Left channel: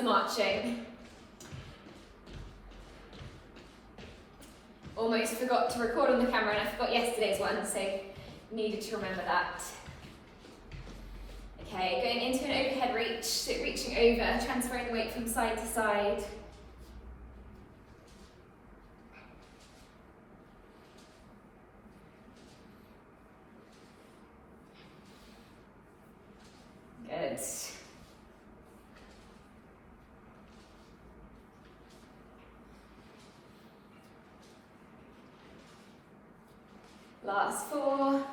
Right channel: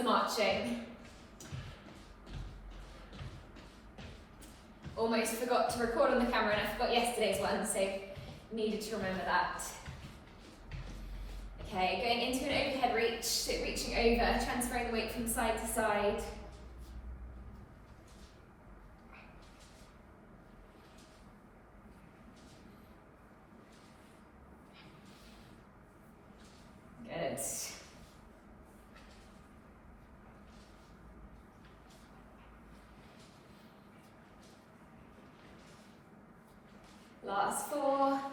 the marching. Almost forgot to record on the camera and I forgot yesterday's one, so needed to remember that. Okay, going into an overhead reach, so reaching over, transferring the weight from side to side. Good. Last 4,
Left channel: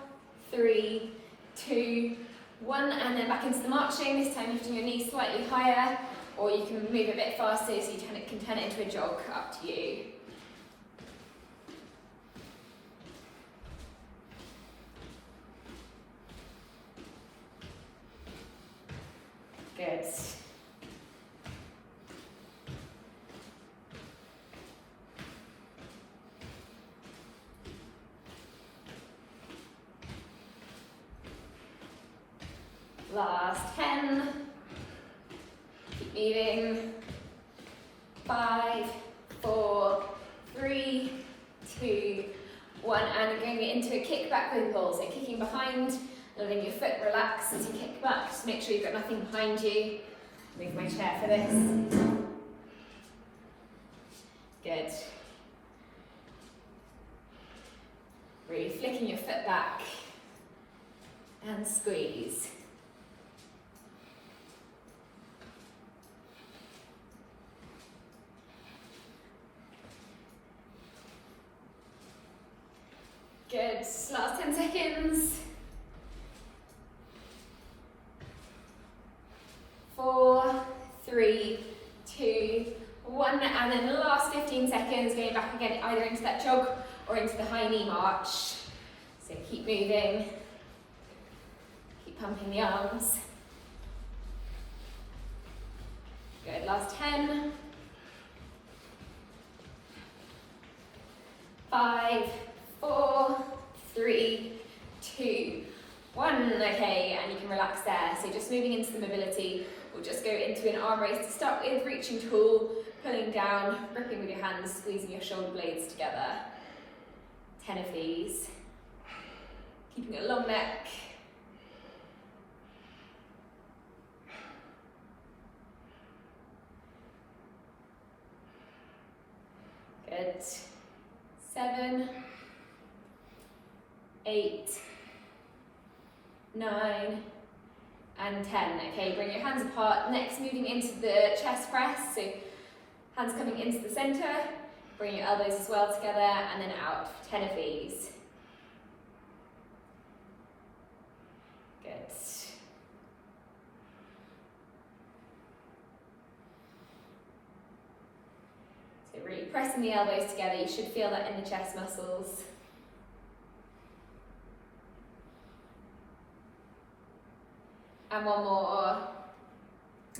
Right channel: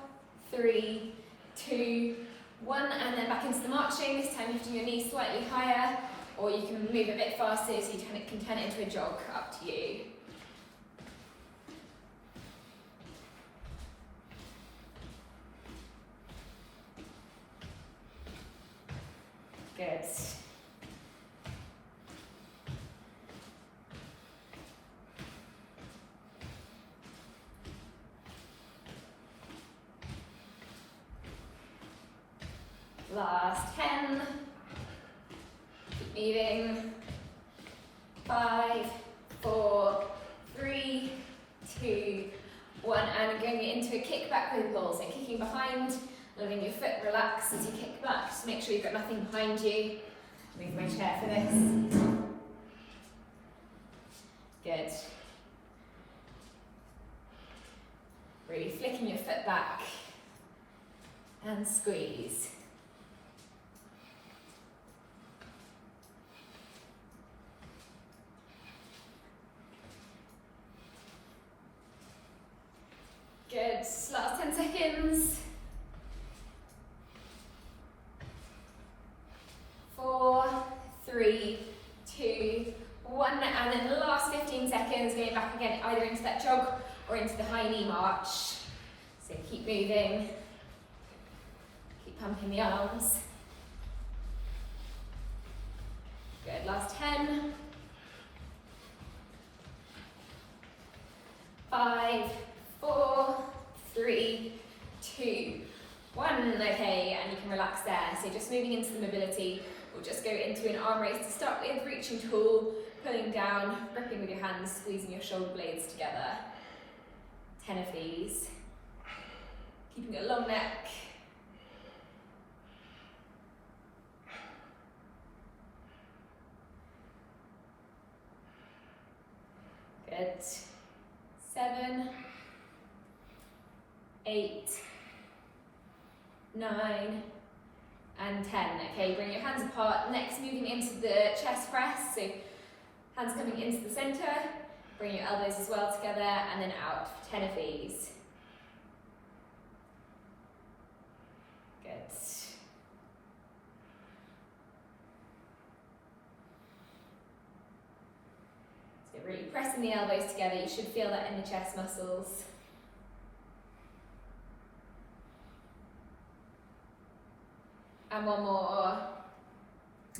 3, 2, 1, and then back into the marching. This time lifting your knees slightly higher, or you can move a bit faster so you can turn it into a jog, up to you. Good. Last 10. Keep moving. 5, 4, 3, 2, 1, and going into a kick back with pull. So kicking behind, letting your foot relax as you kick back. Just make sure you've got nothing behind you. Move my chair for this. Good. Really flicking your foot back and squeeze. Good, last 10 seconds. 4, 3, 2, 1, and then the last 15 seconds going back again either into that jog or into the high knee march. So keep moving, keep pumping the arms. Good, last 10. 5, 4, 3, 2, 1. Okay, and you can relax there. So just moving into the mobility. We'll just go into an arm raise to start with, reaching tall, pulling down, gripping with your hands, squeezing your shoulder blades together. 10 of these. Keeping a long neck. Good. 7, 8, 9, and 10. Okay, bring your hands apart. Next, moving into the chest press. So hands coming into the center. Bring your elbows as well together, and then out. 10 of these. Good. So really pressing the elbows together. You should feel that in the chest muscles. And one more.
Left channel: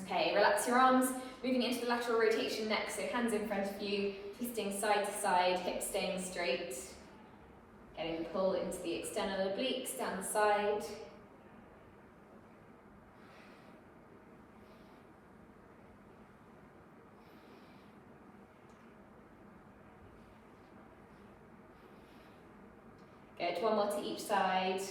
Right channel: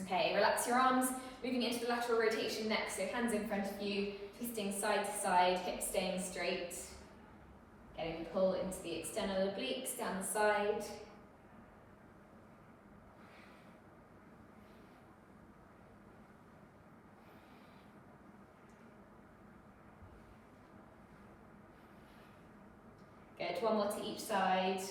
Okay, relax your arms, moving into the lateral rotation next, so hands in front of you, twisting side to side, hips staying straight. Getting a pull into the external obliques down the side. Good, one more to each side.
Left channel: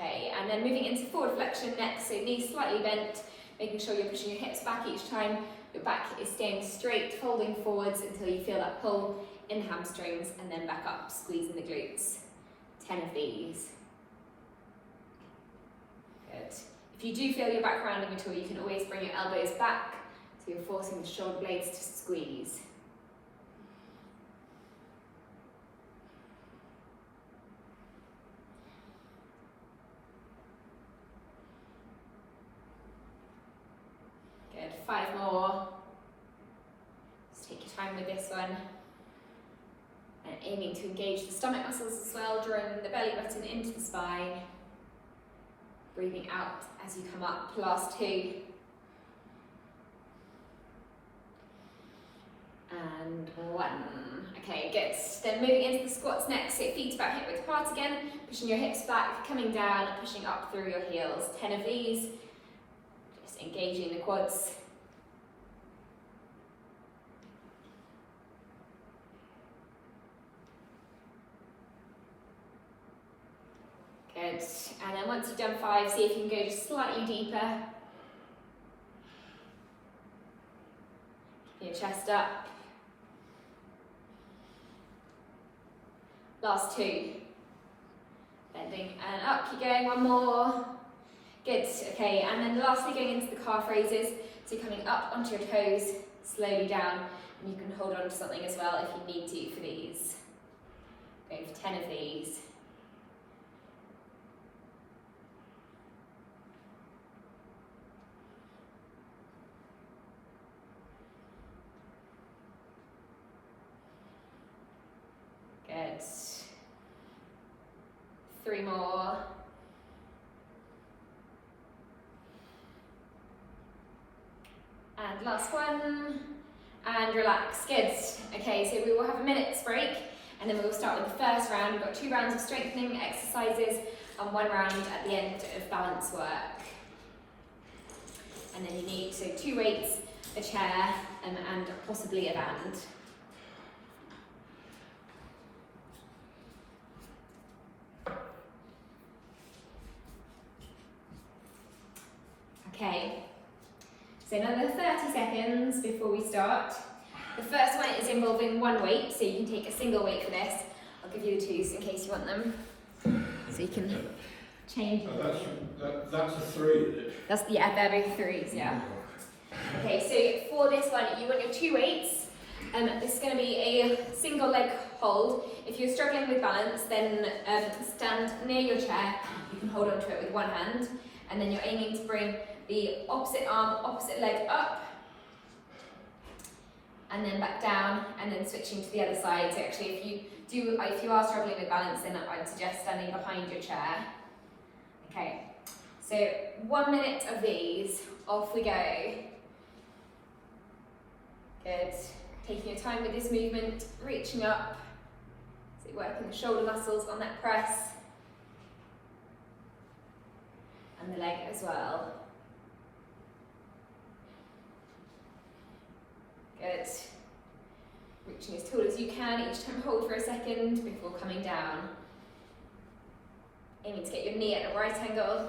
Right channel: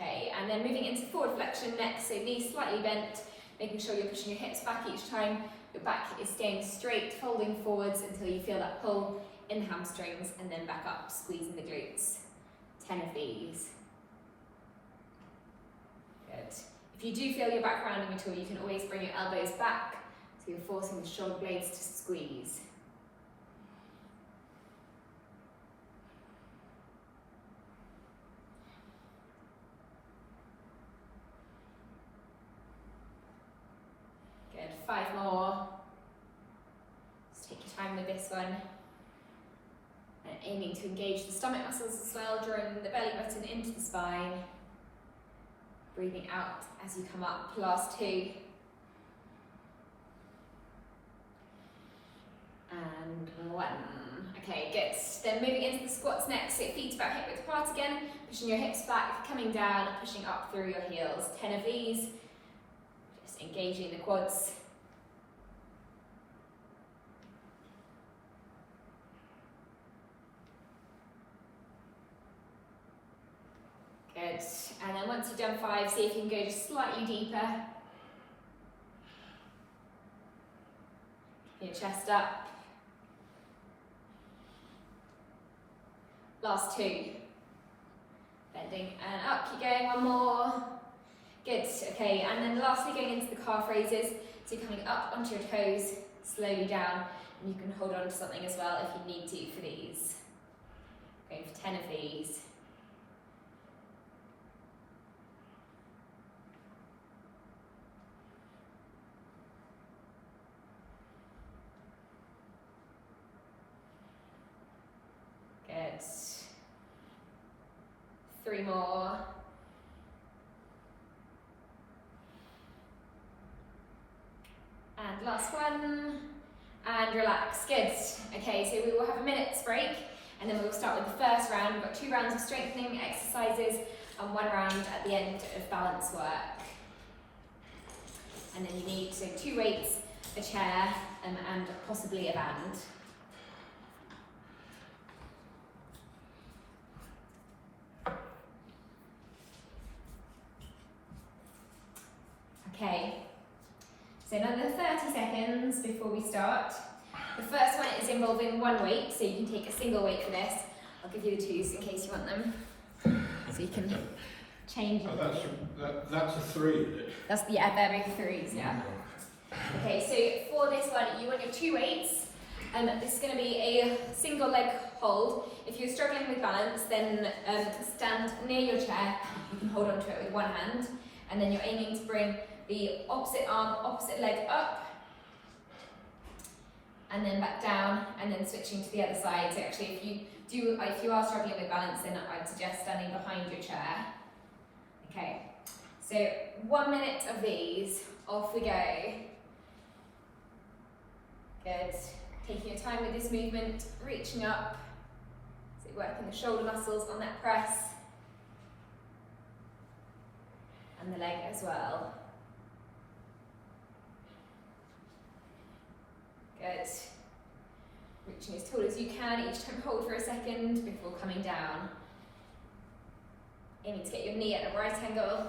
Okay, and then moving into forward flexion next, so knees slightly bent, making sure you're pushing your hips back each time. Your back is staying straight, folding forwards until you feel that pull in the hamstrings, and then back up, squeezing the glutes. 10 of these. Good. If you do feel your back rounding at all, you can always bring your elbows back, so you're forcing the shoulder blades to squeeze. Good, 5 more. Just take your time with this one. And aiming to engage the stomach muscles as well, drawing the belly button into the spine. Breathing out as you come up. Last 2. And 1. Okay, good. Then moving into the squats next, so feet about hip width apart again, pushing your hips back, coming down, pushing up through your heels. 10 of these. Just engaging the quads. Good. And then once you've done 5, see if you can go just slightly deeper. Your chest up. Last 2. Bending and up, keep going, 1 more. Good, okay, and then lastly going into the calf raises. So coming up onto your toes, slowly down, and you can hold on to something as well if you need to for these. Going for 10 of these. Good. 3 more. And last one. And relax. Good. Okay, so we will have a minute's break and then we will start with the first round. We've got 2 rounds of strengthening exercises and 1 round at the end of balance work. And then you need 2 weights, a chair, and possibly a band. Okay, so another 30 seconds before we start. The first one is involving 1 weight, so you can take a single weight for this. I'll give you the 2s in case you want them. So you can change. Oh, that's a 3, is it? Yeah, they're both 3s, yeah. Okay, so for this one, you want your 2 weights. This is going to be a single leg hold. If you're struggling with balance, then stand near your chair. You can hold onto it with 1 hand. And then you're aiming to bring the opposite arm, opposite leg up, and then back down, and then switching to the other side. So actually, if you are struggling with balance, then I'd suggest standing behind your chair. Okay, so 1 minute of these, off we go. Good, taking your time with this movement, reaching up, so working the shoulder muscles on that press, and the leg as well. Good. Reaching as tall as you can, each time hold for a second before coming down. Aiming to get your knee at a right angle.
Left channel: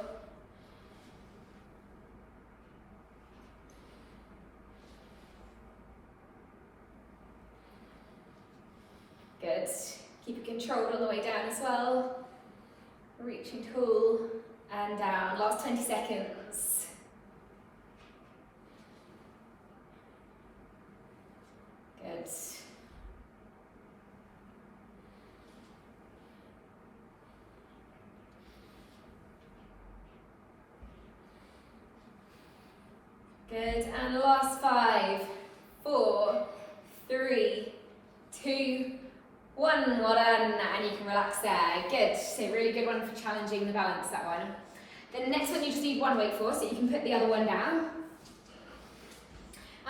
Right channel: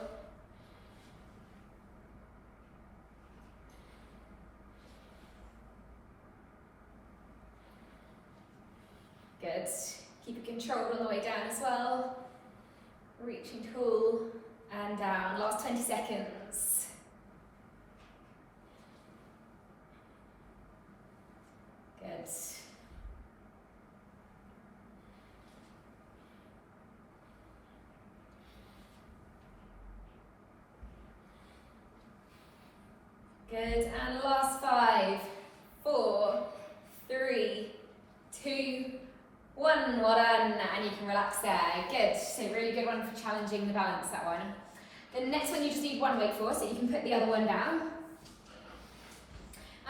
Good. Keep it controlled on the way down as well. Reaching tall and down. Last 20 seconds. Good. Good, and last 5, 4, 3, 2, 1, well done, and you can relax there. Good, so really good one for challenging the balance, that one. Then the next one you just need 1 weight for, so you can put the other one down.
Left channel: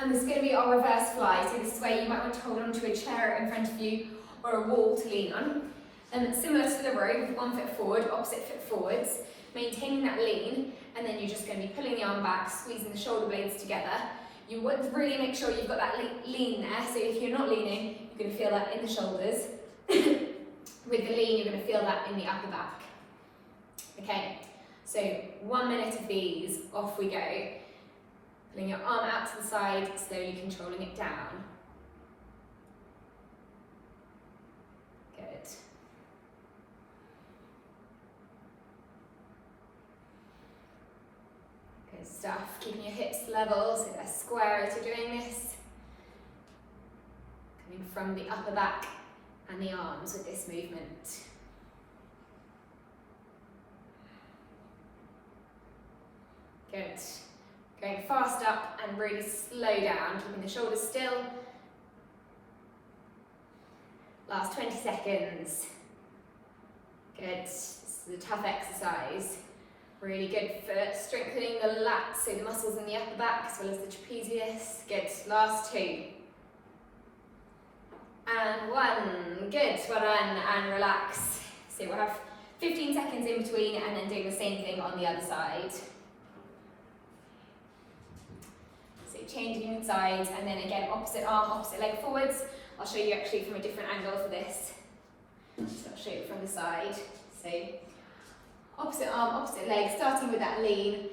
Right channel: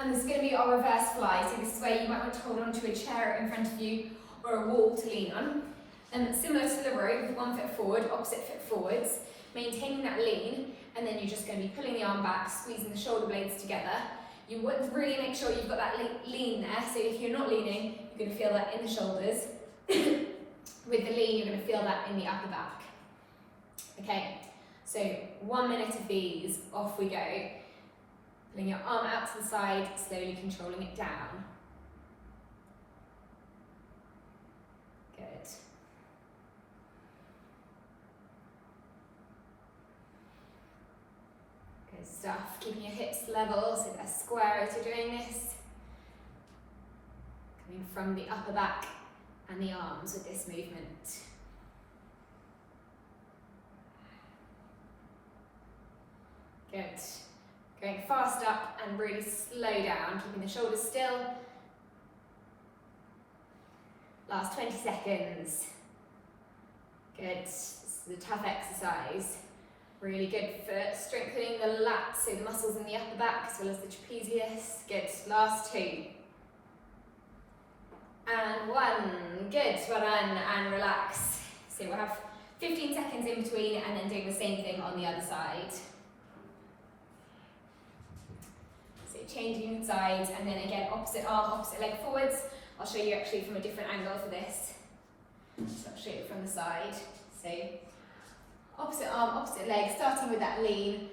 And this is going to be our reverse fly, so this is where you might want to hold onto a chair in front of you or a wall to lean on. And similar to the row, with 1 foot forward, opposite foot forwards, maintaining that lean, and then you're just going to be pulling the arm back, squeezing the shoulder blades together. You want to really make sure you've got that lean there, so if you're not leaning, you're going to feel that in the shoulders. With the lean, you're going to feel that in the upper back. Okay, so 1 minute of these, off we go. Pulling your arm out to the side, slowly controlling it down. Good. Good stuff. Keeping your hips level so they're square as you're doing this. Coming from the upper back and the arms with this movement. Good. Going fast up and really slow down, keeping the shoulders still. Last 20 seconds. Good. This is a tough exercise. Really good for strengthening the lats, so the muscles in the upper back as well as the trapezius. Good. Last 2. And 1. Good. Well done. And relax. So we'll have 15 seconds in between and then doing the same thing on the other side. Changing sides, and then again opposite arm, opposite leg forwards. I'll show you actually from a different angle for this. So I'll show you from the side. So Opposite arm, opposite leg, starting with that lean,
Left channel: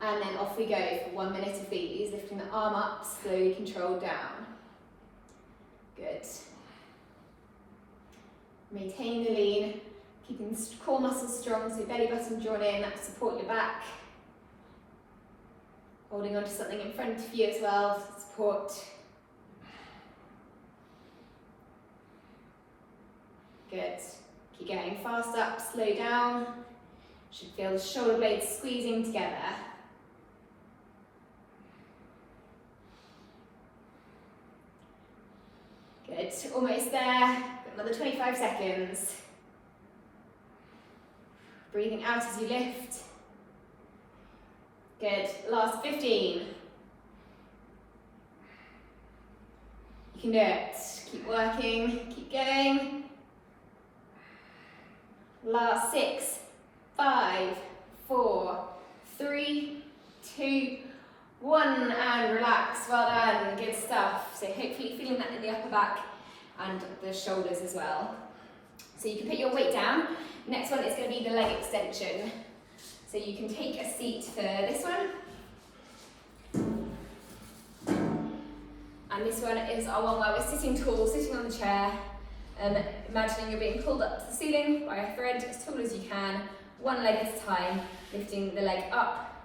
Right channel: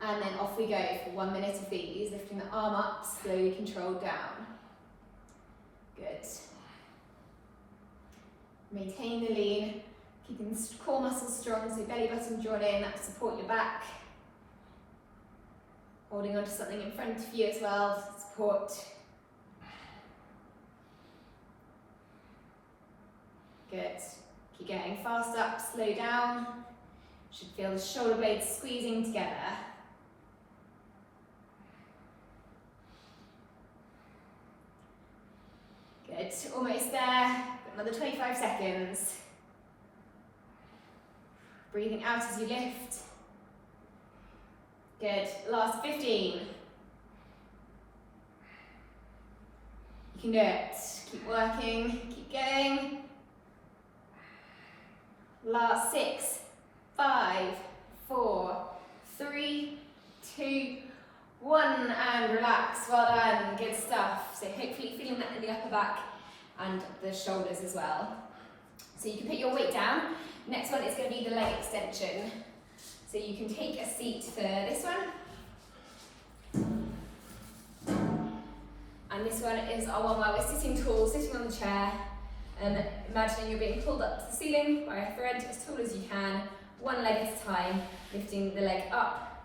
and then off we go for 1 minute of these, lifting the arm up, slowly controlled down. Good. Maintain the lean, keeping the core muscles strong, so belly button drawn in, that will support your back. Holding onto something in front of you as well, support. Good. Keep going, fast up, slow down. Should feel the shoulder blades squeezing together. Good, almost there. Another 25 seconds. Breathing out as you lift. Good, last 15. You can do it. Keep working, keep going. Last 6, 5, 4, 3, 2, 1, and relax. Well done, good stuff. So hopefully feeling that in the upper back and the shoulders as well. So you can put your weight down. Next one is going to be the leg extension. So you can take a seat for this one. And this one is our one where we're sitting tall, sitting on the chair. Imagining you're being pulled up to the ceiling by a thread as tall as you can, one leg at a time, lifting the leg up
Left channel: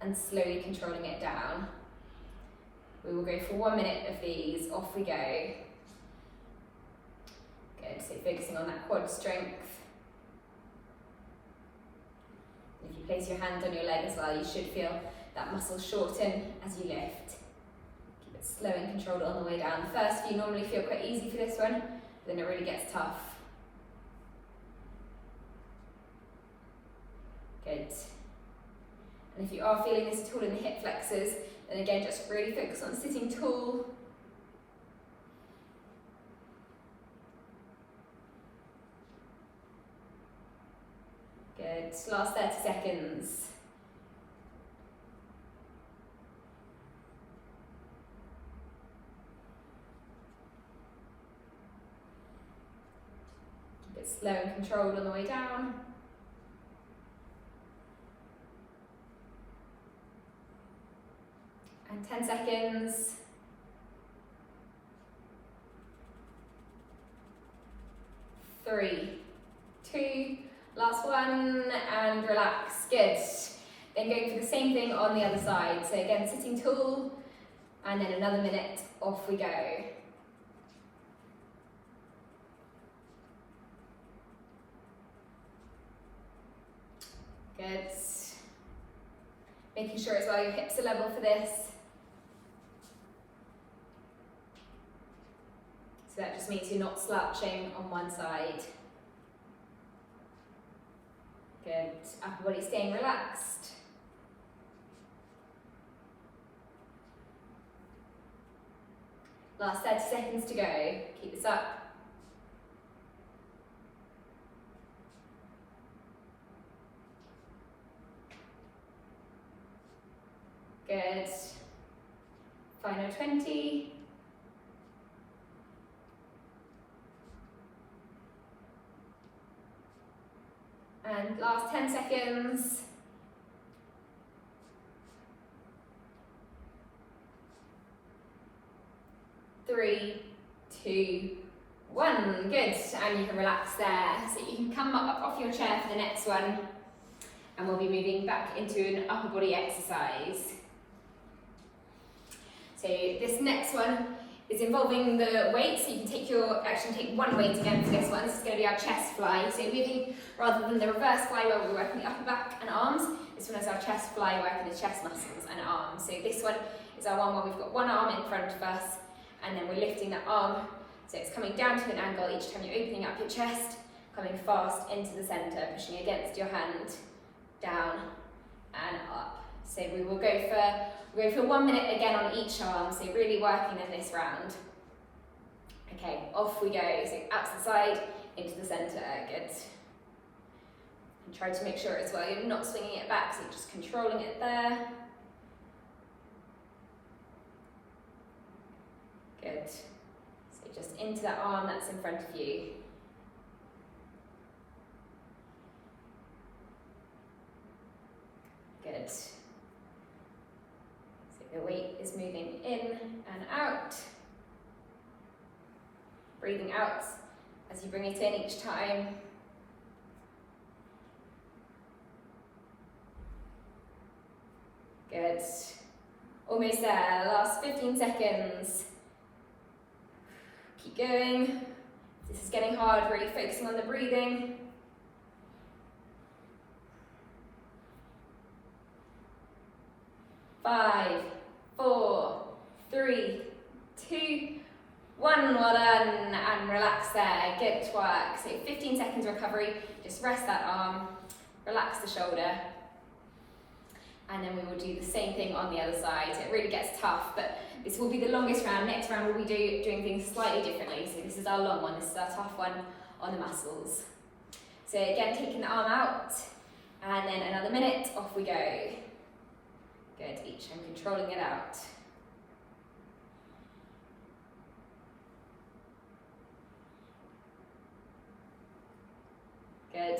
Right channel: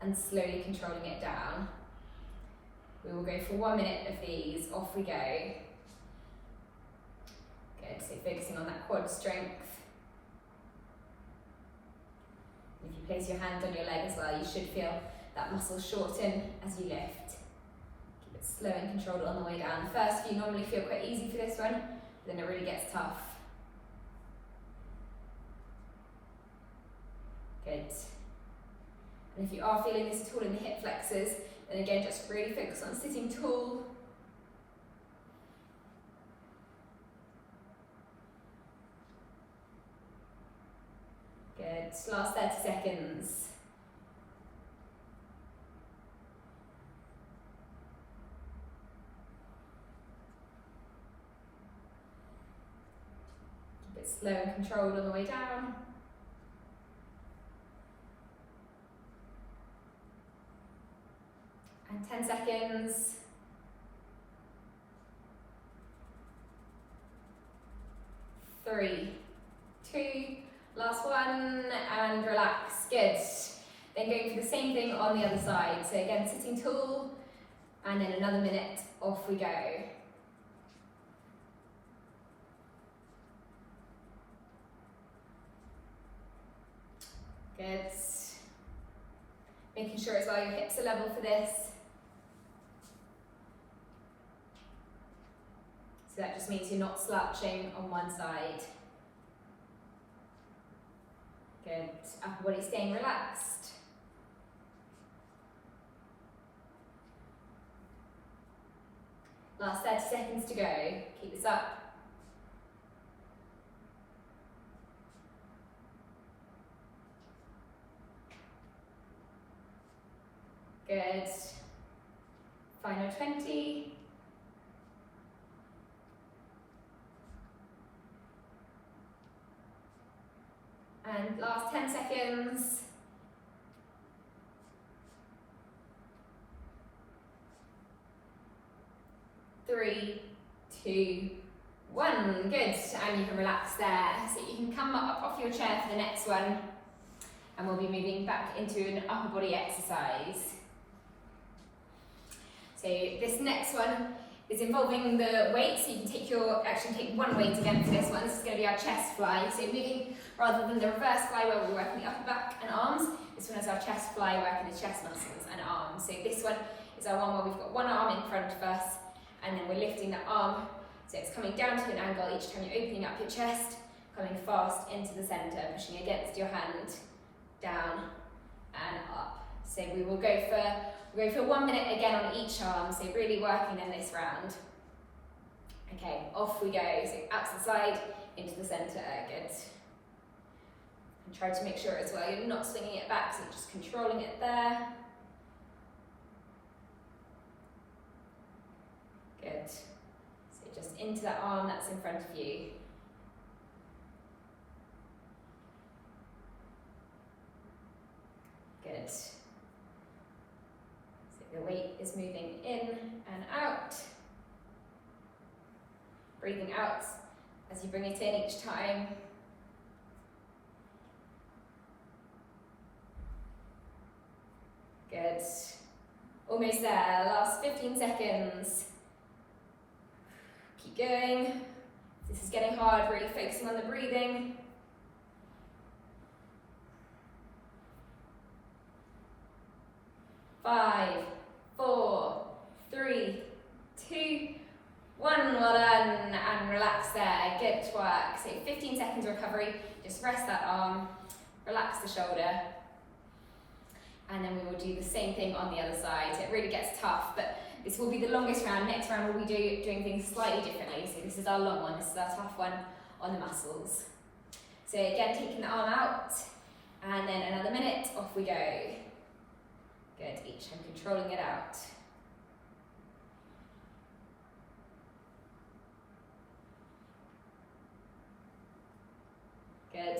and slowly controlling it down. We will go for 1 minute of these, off we go. Good, so focusing on that quad strength. If you place your hand on your leg as well, you should feel that muscle shorten as you lift. Keep it slow and controlled on the way down. The first few normally feel quite easy for this one, then it really gets tough. Good. And if you are feeling this at all in the hip flexors, then again just really focus on sitting tall. Good, last 30 seconds. Slow and controlled on the way down. And 10 seconds. 3, 2, last one, and relax. Good. Then going for the same thing on the other side. So again, sitting tall, and then another minute, off we go. Good. Making sure as well your hips are level for this. So that just means you're not slouching on one side. Good. Upper body staying relaxed. Last 30 seconds to go. Keep this up. Good. Final 20. And last 10 seconds. 3, 2, 1. Good. And you can relax there. So you can come up off your chair for the next one. And we'll be moving back into an upper body exercise. So this next one is involving the weight, so you can take one weight again for this one. This is going to be our chest fly. So moving rather than the reverse fly where we're working the upper back and arms, this one is our chest fly working the chest muscles and arms. So this one is our one where we've got one arm in front of us and then we're lifting that arm. So it's coming down to an angle each time you're opening up your chest, coming fast into the centre, pushing against your hand, down and up. So we will go for 1 minute again on each arm, so really working in this round. Okay, off we go. So out to the side, into the centre, good. And try to make sure as well you're not swinging it back, so you're just controlling it there. Good. So just into that arm that's in front of you. is moving in and out. Breathing out as you bring it in each time. Good. Almost there, last 15 seconds. Keep going. This is getting hard, really focusing on the breathing. Five, four, three, two, one. Well done, and relax there. Good work. So 15 seconds recovery. Just rest that arm, relax the shoulder, and then we will do the same thing on the other side. It really gets tough, but this will be the longest round. Next round we'll be doing things slightly differently. So this is our long one, this is our tough one on the muscles. So again, taking the arm out, and then another minute, off we go. Good, each time controlling it out. Good.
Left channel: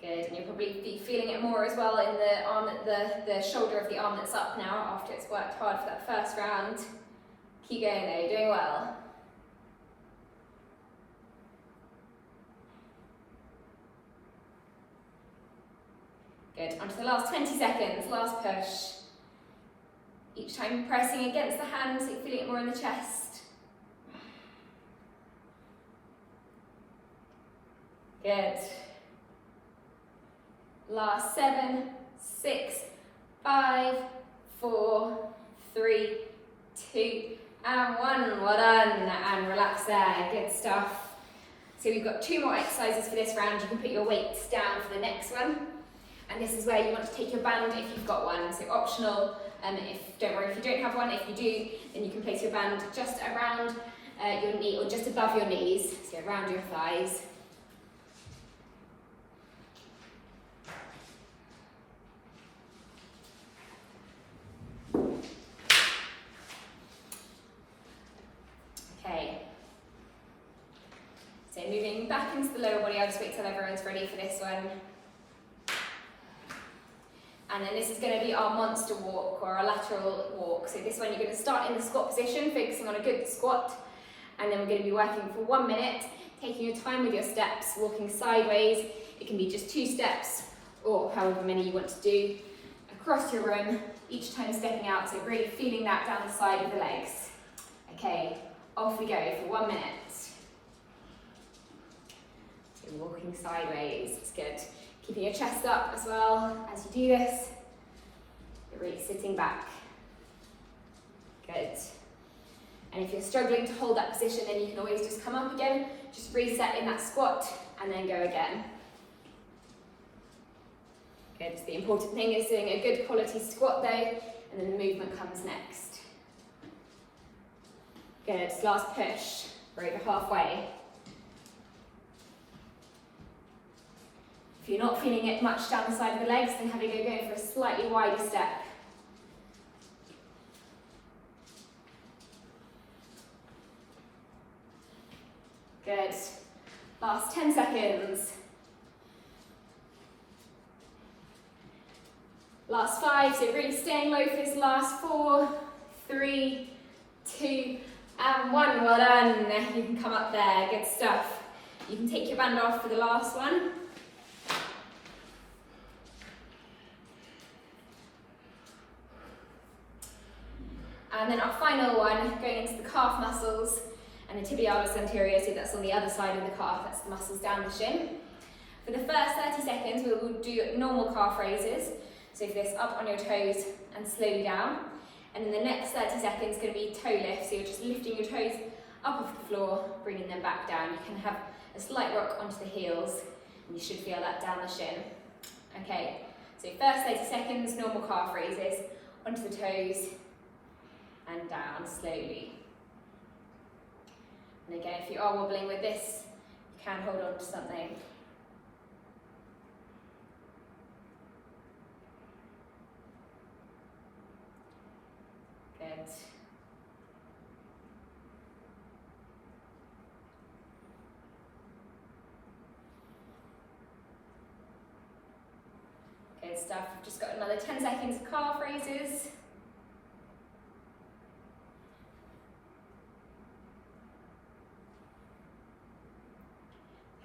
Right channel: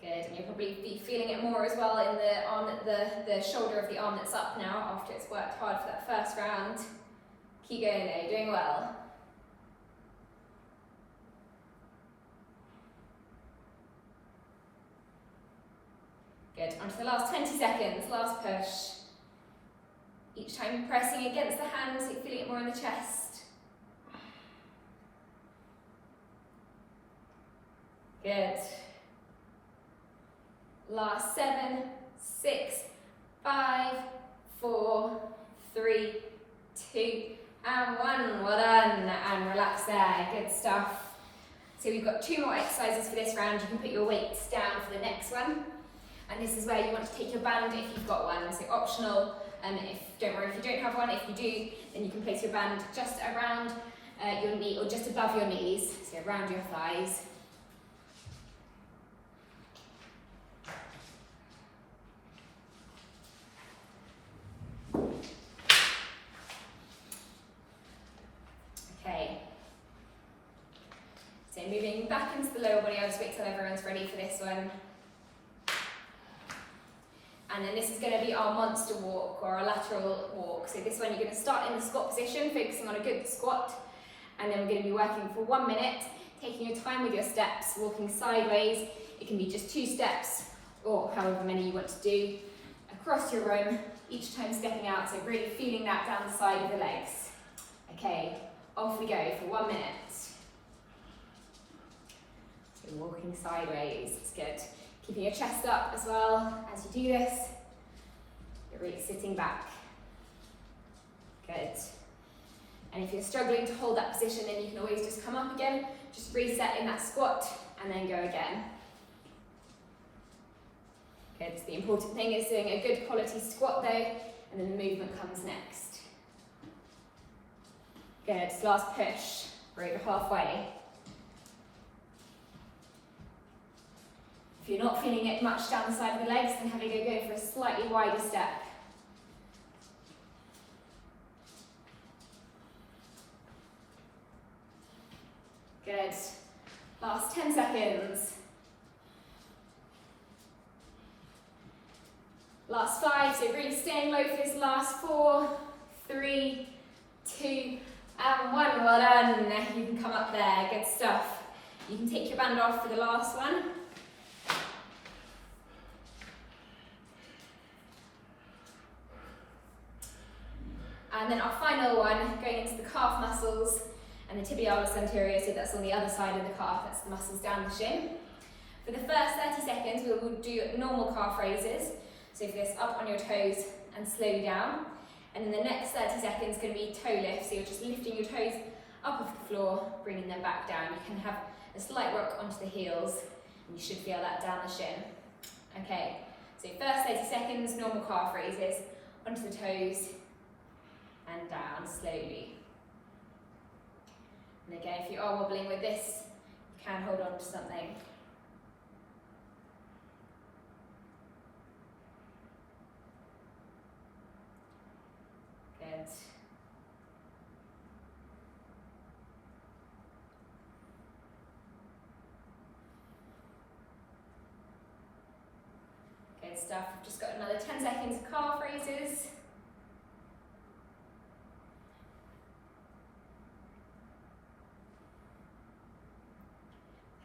Good, and you'll probably be feeling it more as well in the arm, the shoulder of the arm that's up now after it's worked hard for that first round. Keep going though, you're doing well. Good, onto the last 20 seconds, last push. Each time pressing against the hands, so you're feeling it more in the chest. Good. Last 7, 6, 5, 4, 3, 2, and 1. Well done, and relax there. Good stuff. So we've got 2 more exercises for this round. You can put your weights down for the next one. And this is where you want to take your band if you've got one. So optional, don't worry if you don't have one. If you do, then you can place your band just around your knee, or just above your knees, so around your thighs. Okay, so moving back into the lower body, I'll just wait till everyone's ready for this one. And then this is going to be our monster walk, or our lateral walk. So this one you're going to start in the squat position, focusing on a good squat. And then we're going to be working for 1 minute, taking your time with your steps, walking sideways. It can be just 2 steps, or however many you want to do, across your room, each time stepping out. So really feeling that down the side of the legs. Okay, off we go for 1 minute. So walking sideways, it's good. Keeping your chest up as well as you do this. You're really sitting back. Good. And if you're struggling to hold that position, then you can always just come up again, just reset in that squat, and then go again. Good. The important thing is doing a good quality squat though, and then the movement comes next. Good. Last push. We're over halfway. If you're not feeling it much down the side of the legs, then have a go for a slightly wider step. Good. Last 10 seconds. Last 5, so really staying low for this last 4, 3, 2, and 1. Well done. You can come up there. Good stuff. You can take your band off for the last one. And then our final one, going into the calf muscles and the tibialis anterior, so that's on the other side of the calf, that's the muscles down the shin. For the first 30 seconds, we will do normal calf raises. So for this, up on your toes and slowly down. And then the next 30 seconds is going to be toe lift, so you're just lifting your toes up off the floor, bringing them back down. You can have a slight rock onto the heels, and you should feel that down the shin. Okay, so first 30 seconds, normal calf raises, onto the toes, and down slowly. And again, if you are wobbling with this, you can hold on to something. Good. Good stuff. We've just got another 10 seconds of calf raises.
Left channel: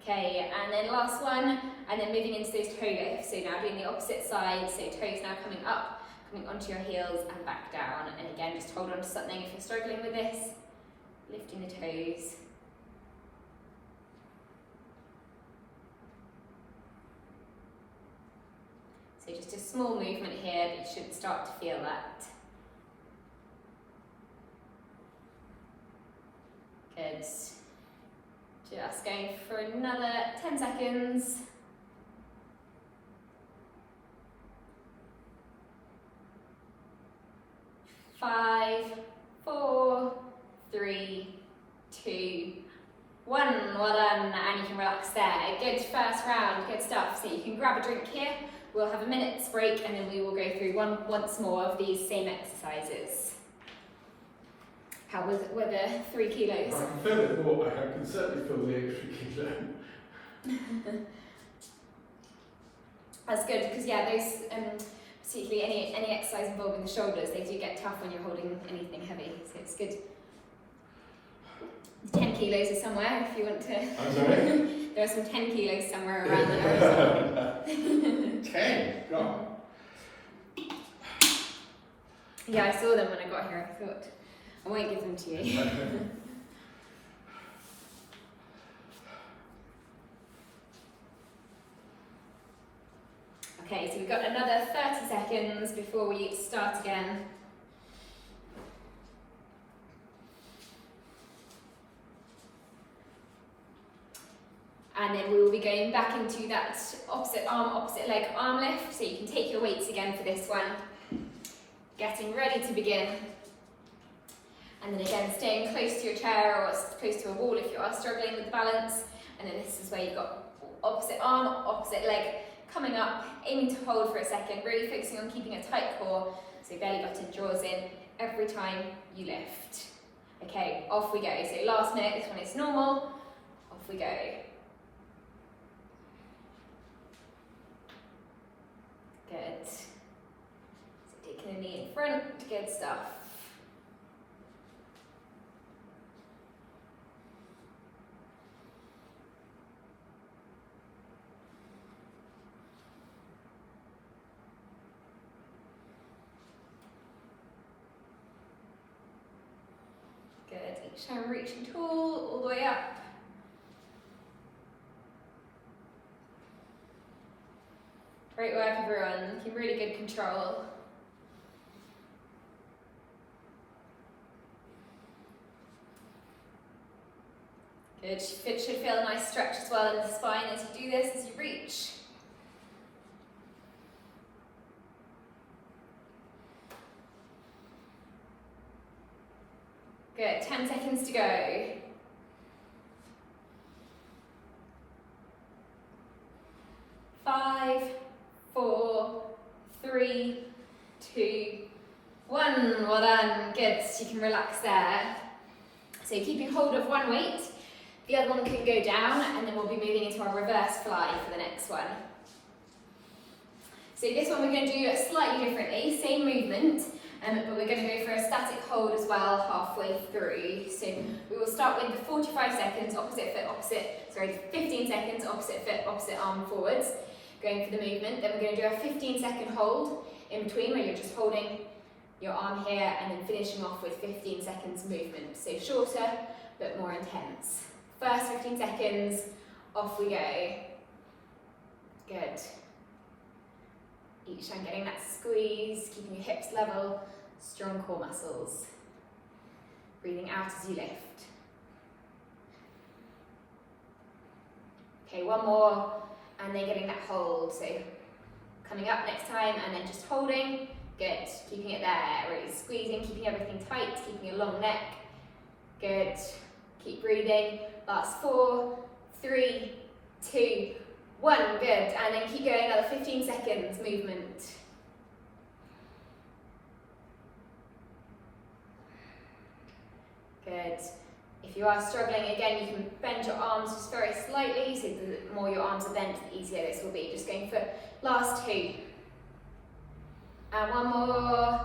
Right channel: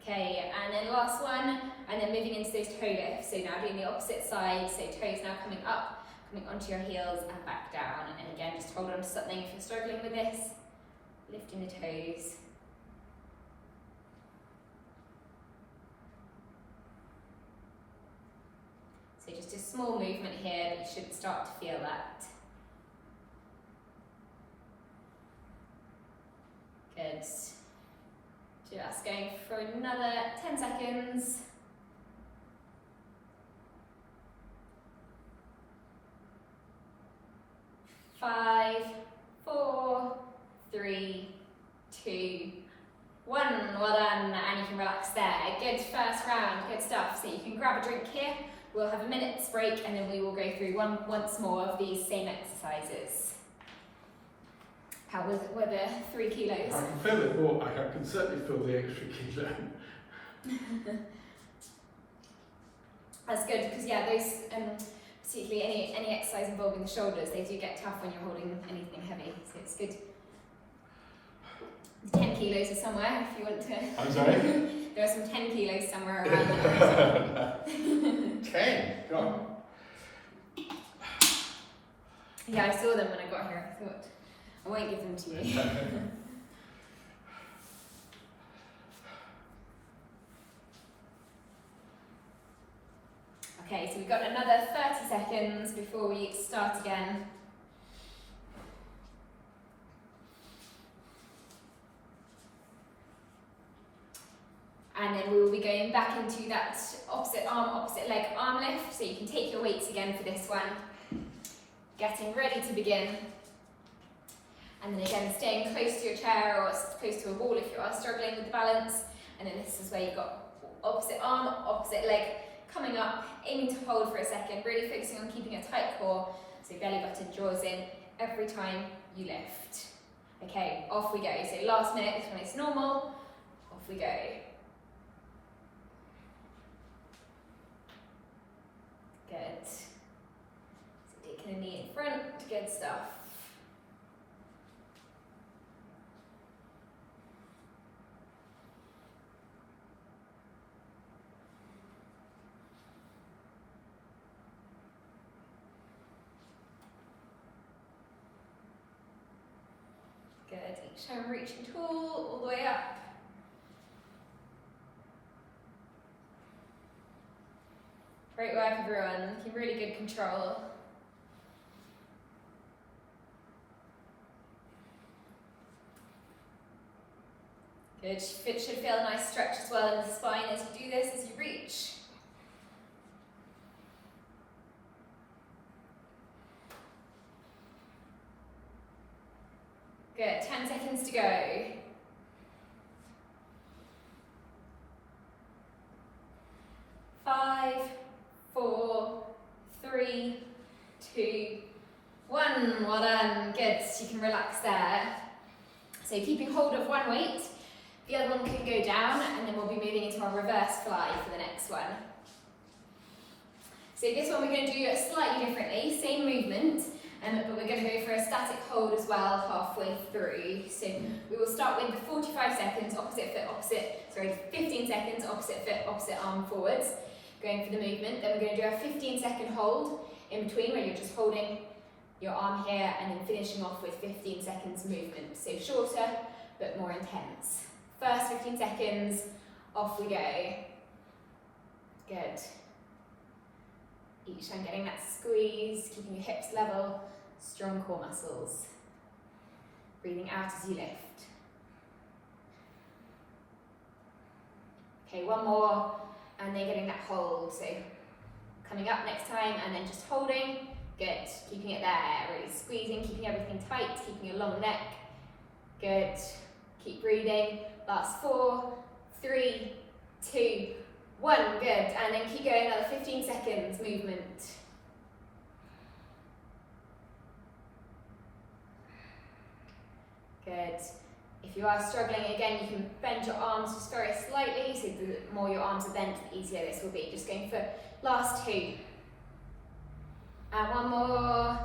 Okay, and then last one, and then moving into those toe lifts. So now doing the opposite side, so toes now coming up, coming onto your heels and back down. And again, just hold on to something if you're struggling with this. Lifting the toes. So just a small movement here, but you should start to feel that. Good. Just going for another 10 seconds. Five, four, three, two, one. Well done, and you can relax there. Good first round, good stuff. So you can grab a drink here. We'll have a minute's break and then we will go through once more of these same exercises. How were the 3 kilos? I can feel it more, I can certainly feel the extra kilo. That's good, because yeah, those, particularly any exercise involving the shoulders, they do get tough when you're holding anything heavy, so it's good. 10 kilos is somewhere if you want to. I'm sorry? There are some 10 kilos somewhere around there as well. 10? God. Yeah, I saw them when I got here. I thought, I won't give them to you. Okay, so we've got another 30 seconds before we start again. And then we will be going back into that opposite arm, opposite leg arm lift. So you can take your weights again for this one. Getting ready to begin. And then again, staying close to your chair or close to a wall if you are struggling with the balance. And then this is where you've got opposite arm, opposite leg coming up, aiming to hold for a second, really focusing on keeping a tight core. So belly button draws in every time you lift. Okay, off we go. So last minute, this one is normal. Off we go. Good. So taking a knee in front, good stuff. Good, each time reaching tall, all the way up. Great work everyone, looking really good control. Good, should feel a nice stretch as well in the spine as you do this, as you reach. Good, 10 seconds to go. 5, 4, 3, 2, 1. Well done. Good. You can relax there. So keeping hold of one weight, the other one can go down, and then we'll be moving into our reverse fly for the next one. So this one we're going to do it slightly differently, same movement, but we're going to go for a static hold as well halfway through. So we will start with the 45 seconds, opposite foot, 15 seconds, opposite foot, opposite arm forwards, going for the movement. Then we're going to do a 15-second hold in between where you're just holding your arm here and then finishing off with 15 seconds movement. So shorter, but more intense. First 15 seconds, off we go. Good. Each time getting that squeeze, keeping your hips level, strong core muscles. Breathing out as you lift. Okay, one more, and then getting that hold. So coming up next time, and then just holding. Good, keeping it there, really squeezing, keeping everything tight, keeping a long neck. Good, keep breathing. Last 4, 3, 2, 1, good, and then keep going another 15 seconds, movement. Good. If you are struggling, again, you can bend your arms just very slightly, so the more your arms are bent, the easier this will be. Just going for last 2. And one more.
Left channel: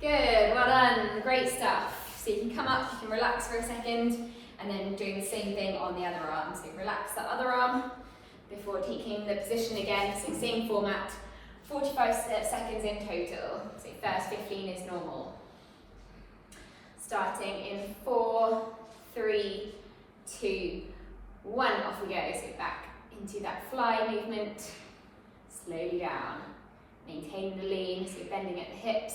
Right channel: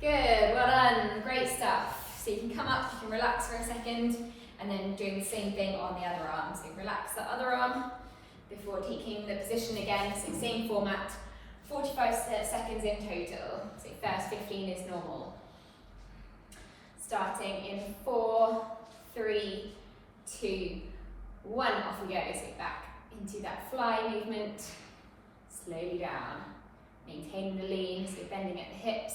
Good, well done, great stuff. So you can come up, you can relax for a second, and then doing the same thing on the other arm. So relax the other arm before taking the position again. So same format, 45 seconds in total. So first 15 is normal. Starting in 4, 3, 2, 1, off we go. So back into that fly movement, slowly down. Maintaining the lean, so you're bending at the hips.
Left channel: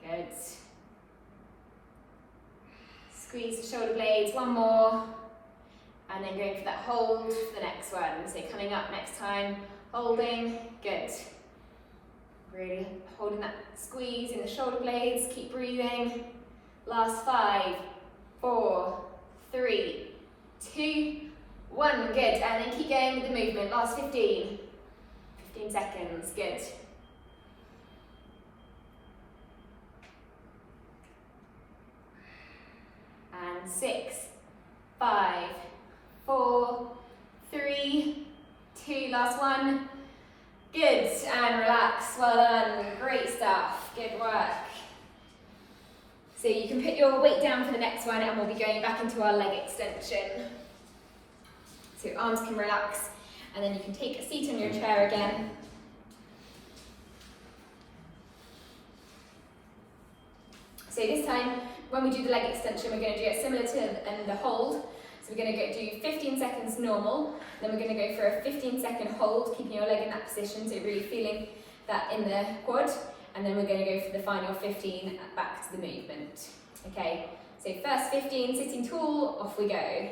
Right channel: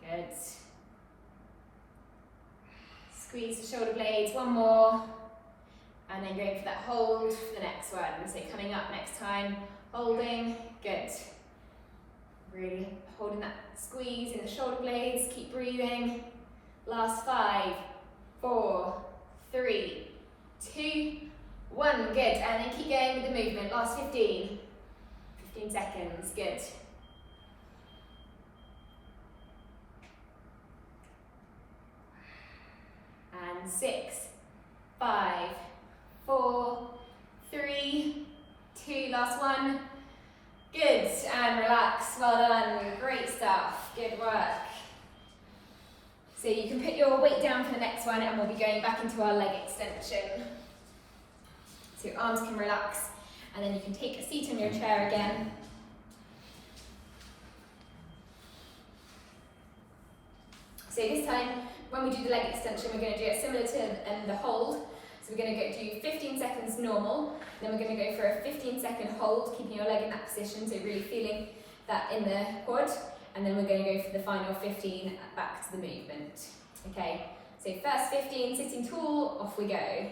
Good. Squeeze the shoulder blades, one more. And then going for that hold for the next one. So coming up next time, holding, good. Really holding that squeeze in the shoulder blades, keep breathing. Last 5, 4, 3, 2, 1, good. And then keep going with the movement. Last 15 seconds, good. And 6, 5, 4, 3, 2, last one. Good, and relax, well done, great stuff, good work. So you can put your weight down for the next one and we'll be going back into our leg extension. So arms can relax and then you can take a seat on your chair again. So this time, when we do the leg extension, we're going to do it similar to the hold. So we're going to do 15 seconds normal, then we're going to go for a 15-second hold, keeping your leg in that position, so really feeling that in the quad, and then we're going to go for the final 15 back to the movement. Okay, so first 15, sitting tall, off we go.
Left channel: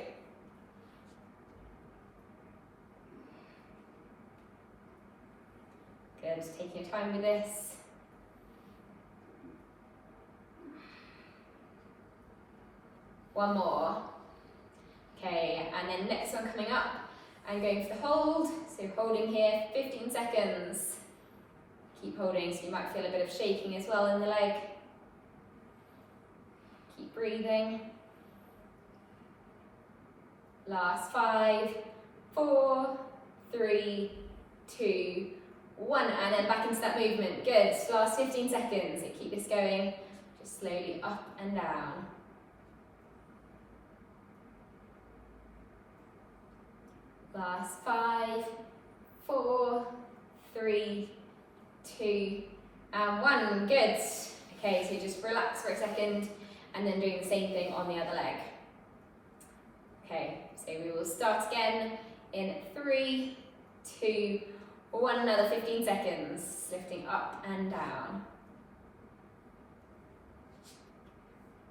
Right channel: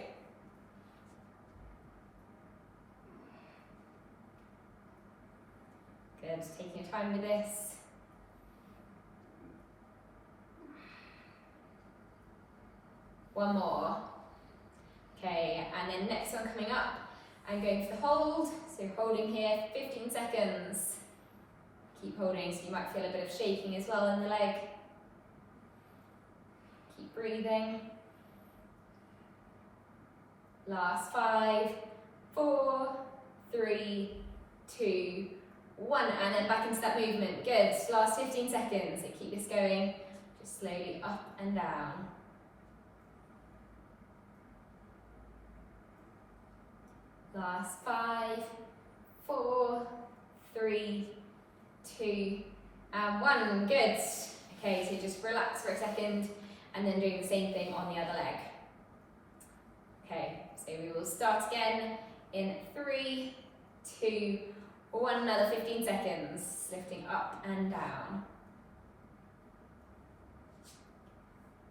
Good, taking your time with this. One more. Okay, and then next one coming up and going for the hold. So holding here, 15 seconds. Keep holding, so you might feel a bit of shaking as well in the leg. Keep breathing. Last 5, 4, 3, 2, 1, and then back into that movement. Good, last 15 seconds. So keep this going, just slowly up and down. Last 5, 4, 3, 2, and 1. Good. Okay, so just relax for a second and then doing the same thing on the other leg. Okay, so we will start again in 3, 2, 1, another 15 seconds, lifting up and down.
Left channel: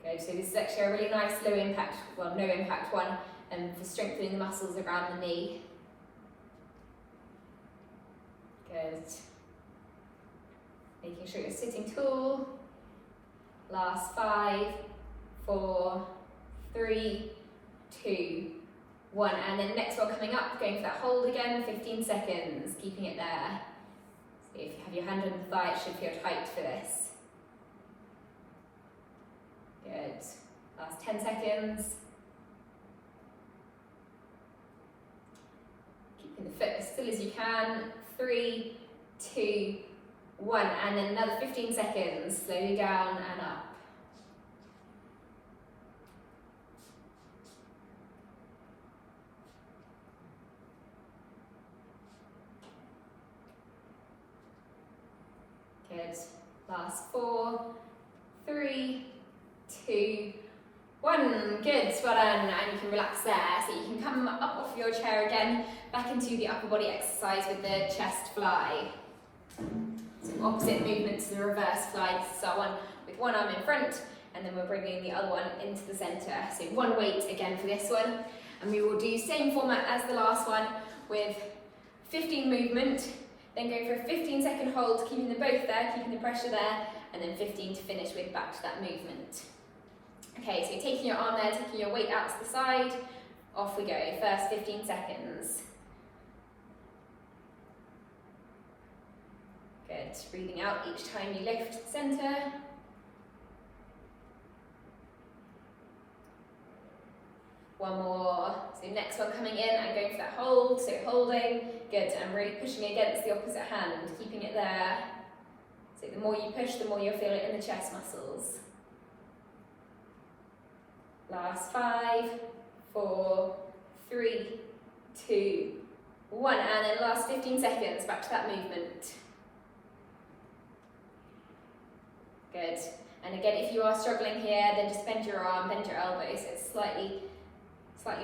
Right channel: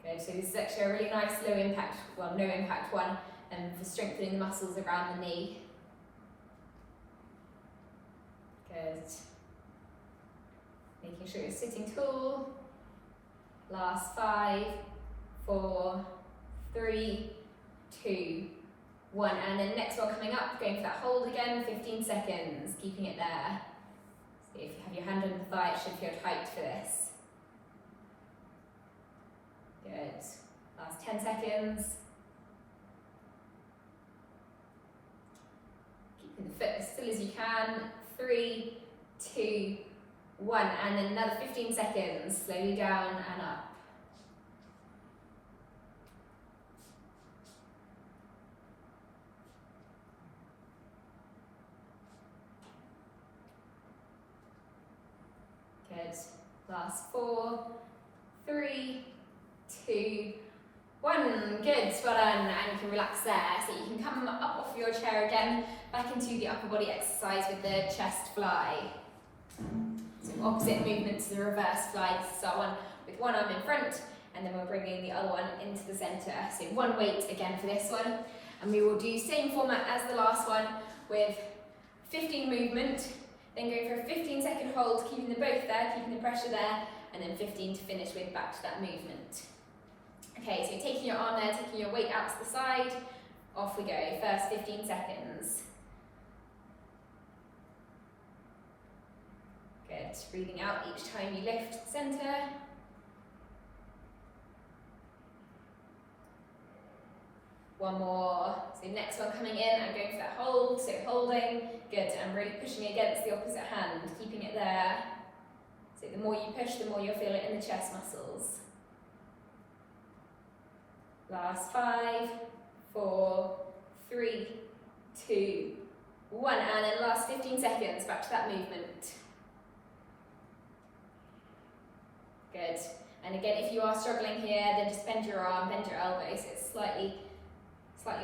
Good, so this is actually a really nice low impact, well, no impact one, for strengthening the muscles around the knee. Good. Making sure you're sitting tall. Last 5, 4, 3, 2, 1, and then next one coming up, going for that hold again, 15 seconds, keeping it there. So if you have your hand on the thigh, it should feel tight for this. Good. Last 10 seconds. Keeping the foot as still as you can. 3, 2, 1, and then another 15 seconds, slowly down and up. Good. Last 4, 3, 2, 1. Good. Well done. And you can relax there. So you can come up off your chair again, back into the upper body exercise with the chest fly. So opposite movement to the reverse fly. This is our one with one arm in front, and then we're bringing the other one into the center. So one weight again for this one. And we will do same format as the last one with 15 movement. Then go for a 15-second hold, keeping them both there, keeping the pressure there, and then 15 to finish with back to that movement. Okay, so taking your arm there, taking your weight out to the side, off we go, first 15 seconds. Good, breathing out each time you lift the center. One more. So next one coming in and going for that hold. So holding, good, and really pushing against the opposite hand, keeping it there. So the more you push, the more you'll feel it in the chest muscles. Last 5, 4, 3, 2, 1, and then last 15 seconds, back to that movement. Good. And again, if you are struggling here, then just bend your arm, bend your elbow, so it's slightly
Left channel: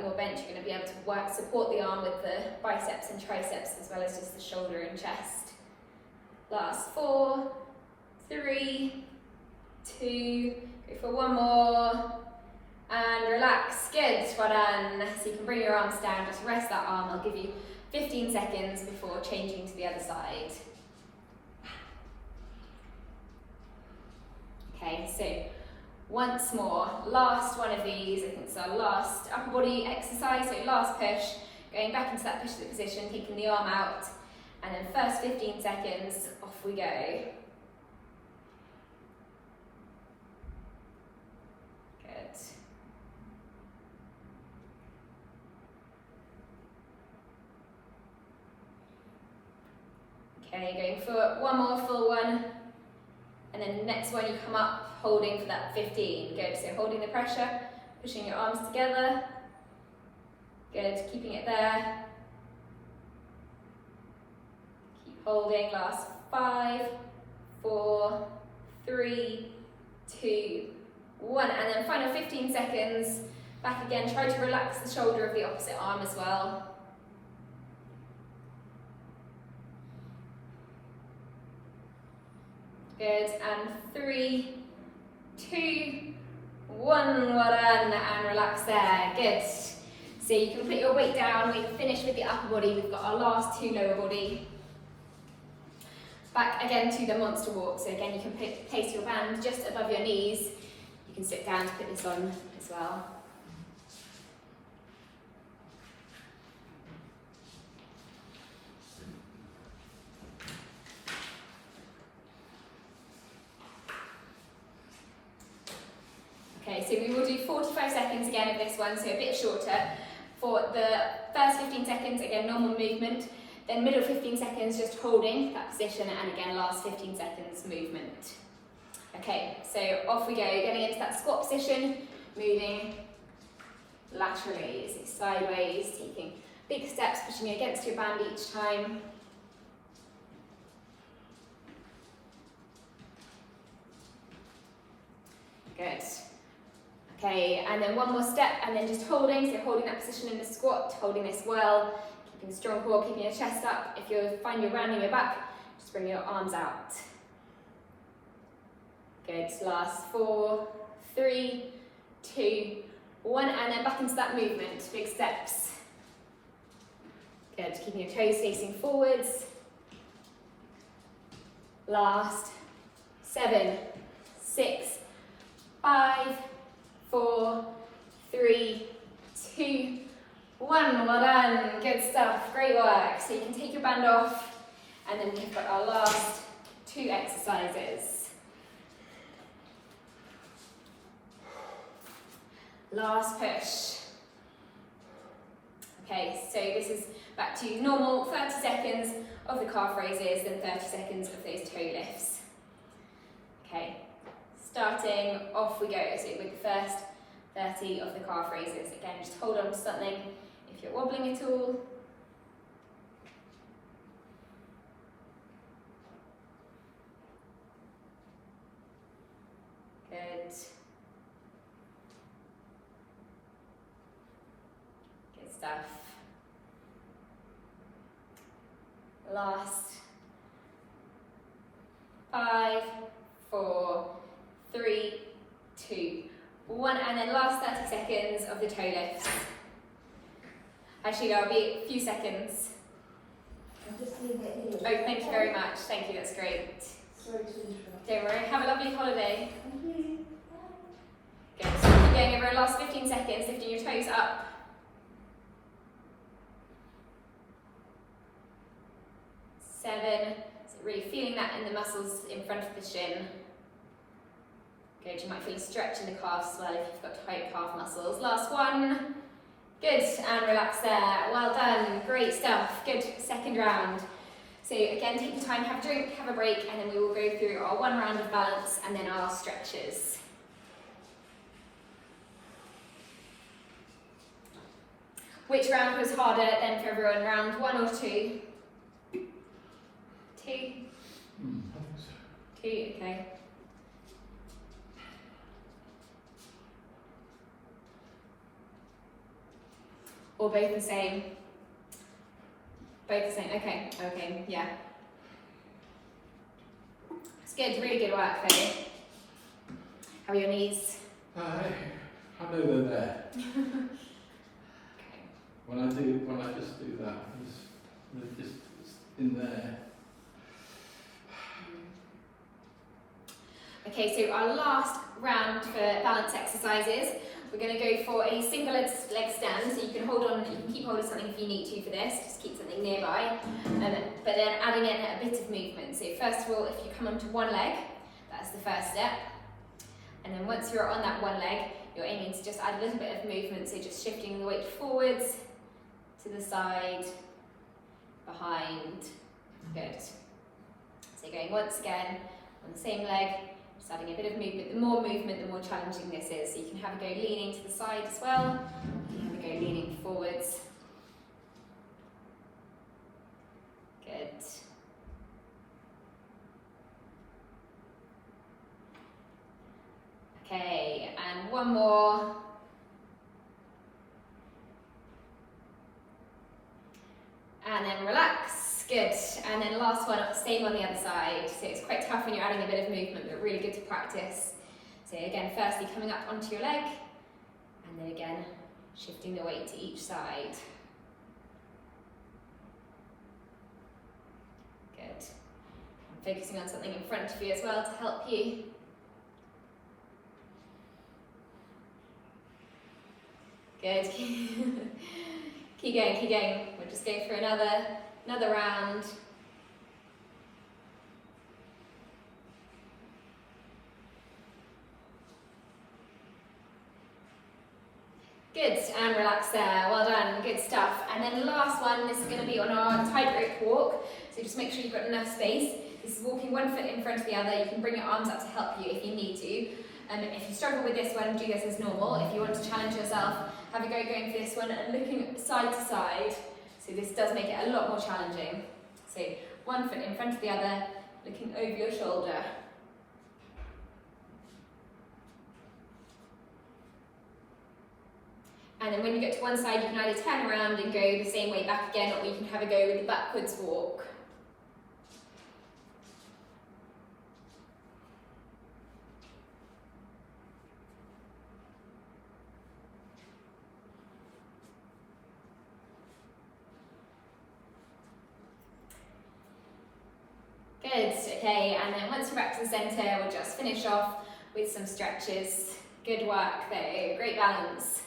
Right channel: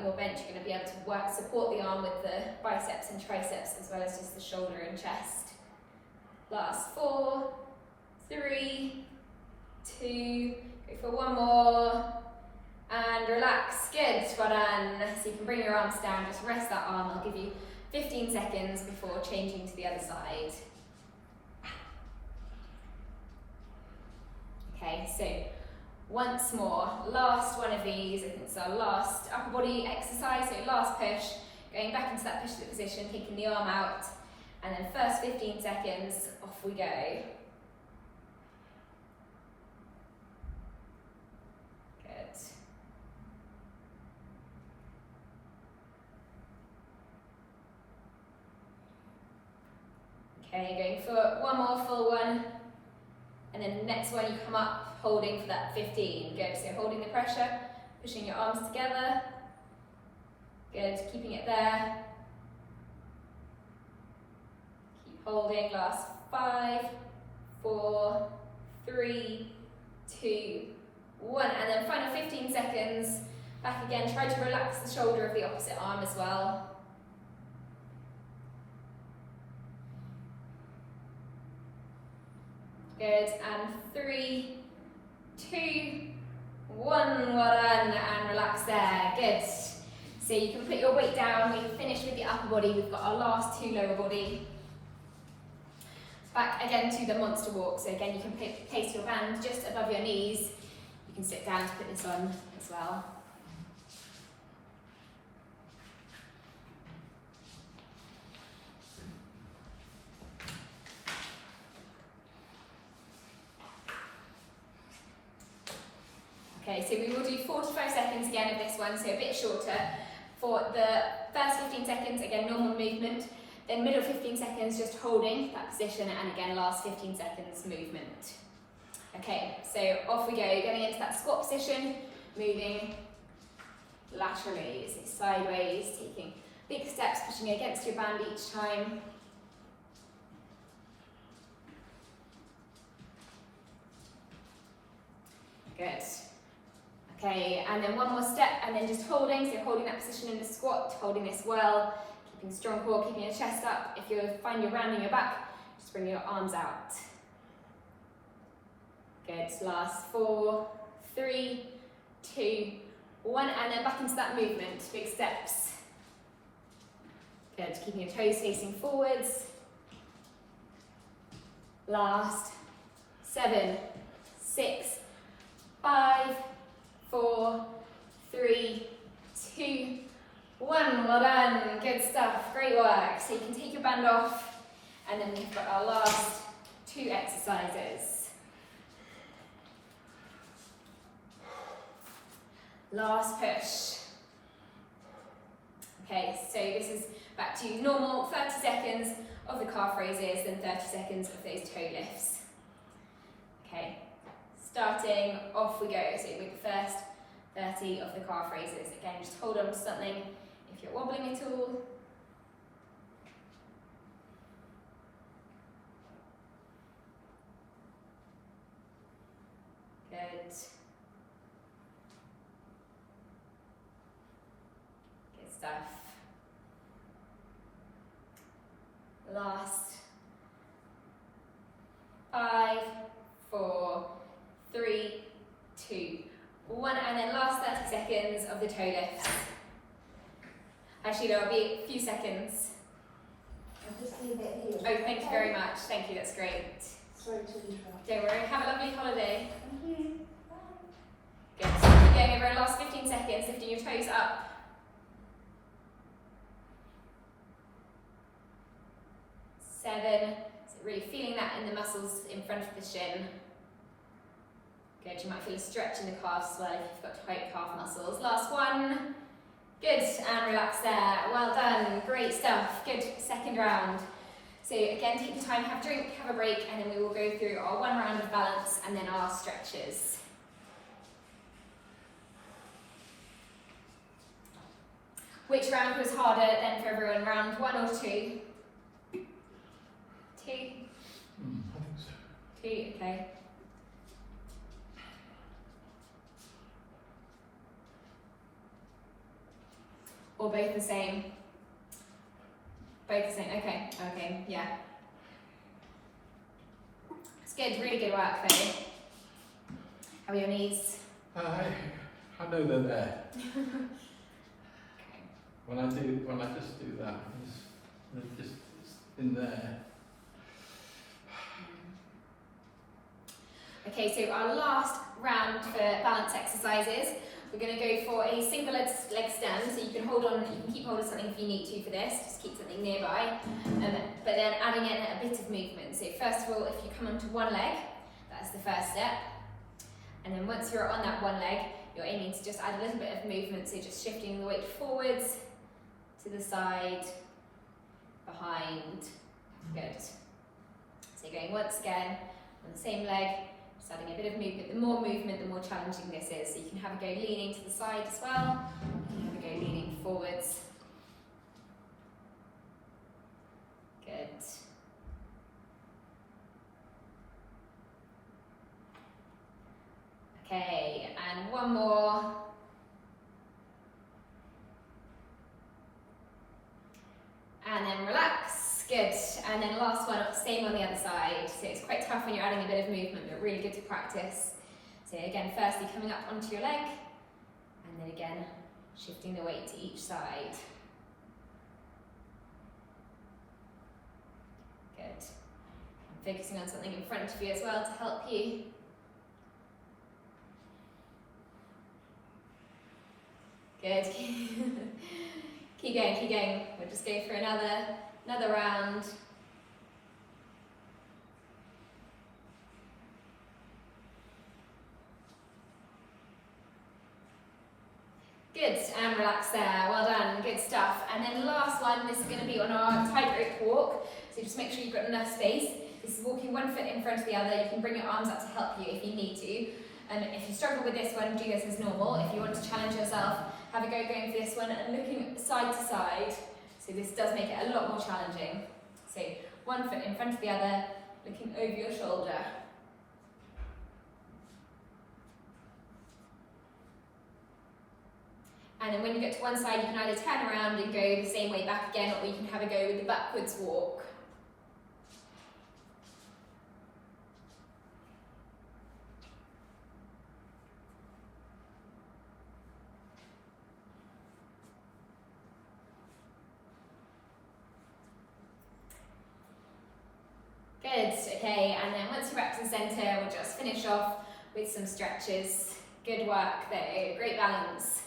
more bent. You're going to be able to support the arm with the biceps and triceps, as well as just the shoulder and chest. Last 4, 3, 2, go for one more, and relax. Good, well done. So you can bring your arms down, just rest that arm. I'll give you 15 seconds before changing to the other side. Okay, so once more, last one of these. I think it's our last upper body exercise, so last push, going back into that push-sit position, kicking the arm out, and then first 15 seconds, off we go. Good. Okay, going for one more full one. And then the next one you come up holding for that 15. Good, so holding the pressure, pushing your arms together. Good, keeping it there. Keep holding, last 5, 4, 3, 2, 1. And then final 15 seconds. Back again, try to relax the shoulder of the opposite arm as well. Good, and 3, 2, 1, well done, and relax there, good. So you can put your weight down, we've finished with the upper body, we've got our last 2 lower body. Back again to the monster walk, so again you can place your band just above your knees. You can sit down to put this on as well. Okay, so we will do 45 seconds again of this one, so a bit shorter. For the first 15 seconds, again, normal movement. Then middle 15 seconds, just holding that position, and again, last 15 seconds, movement. Okay, so off we go, getting into that squat position, moving laterally, so sideways, taking big steps, pushing against your band each time. Good. Okay, and then one more step, and then just holding, so holding that position in the squat, holding this well, keeping a strong core, keeping your chest up. If you find you're rounding your back, just bring your arms out. Good, last 4, 3, 2, 1, and then back into that movement, big steps. Good, keeping your toes facing forwards. Last 7, 6, 5, 4, 3, 2, 1, well done, good stuff, great work. So you can take your band off, and then we've got our last 2 exercises. Last push. Okay, so this is back to normal 30 seconds of the calf raises, then 30 seconds of those toe lifts. Okay. Starting, off we go, so with the first 30 of the calf raises. Again, just hold on to something if you're wobbling at all. Good. Good stuff. Last 5, 4, 3, 2, 1, and then last 30 seconds of the toe lifts. Actually, there'll be a few seconds. Oh, thank you very much. Thank you, that's great. Sorry to interrupt. Don't worry, have a lovely holiday. Good. So keep going over the last 15 seconds, lifting your toes up. 7, so really feeling that in the muscles in front of the shin. Good, you might feel a stretch in the calves as well if you've got tight calf muscles. Last 1, Good, and relax there. Well done, great stuff. Good, second round. So again, take your time, have a drink, have a break, and then we will go through our one round of balance and then our stretches. Which round was harder then for everyone? Round 1 or 2? 2? I think so. 2, okay. Or both the same? Both the same, okay, okay, yeah. It's good, really good work though. How are your knees? I know they're there. Okay. When I just do that, they're just in there. Okay, so our last round for balance exercises, we're going to go for a single leg stand. So you can hold on, you can keep hold of something if you need to for this, just keep something nearby. But then adding in a bit of movement. So first of all, if you come onto one leg, that's the first step. And then once you're on that one leg, you're aiming to just add a little bit of movement. So just shifting the weight forwards, to the side, behind. Good. So going once again on the same leg. Just adding a bit of movement. The more movement, the more challenging this is. So you can have a go leaning to the side as well. You can have a go leaning forwards. Good. Okay, and one more. And then relax. Good, and then last one, same on the other side. So it's quite tough when you're adding a bit of movement, but really good to practice. So again, firstly coming up onto your leg, and then again, shifting the weight to each side. Good. And focusing on something in front of you as well to help you. Good. Keep going, keep going. We'll just go for another round. Good, and relax there. Well done, good stuff. And then the last one, this is going to be on our tightrope walk. So just make sure you've got enough space. This is walking one foot in front of the other. You can bring your arms up to help you if you need to. And if you struggle with this one, do this as normal. If you want to challenge yourself, have a go going for this one and looking side to side. So this does make it a lot more challenging. So one foot in front of the other, looking over your shoulder. And then when you get to one side, you can either turn around and go the same way back again, or you can have a go with the backwards walk. Good, okay, and then once you're back to the centre, we'll just finish off with some stretches. Good work there, great balance.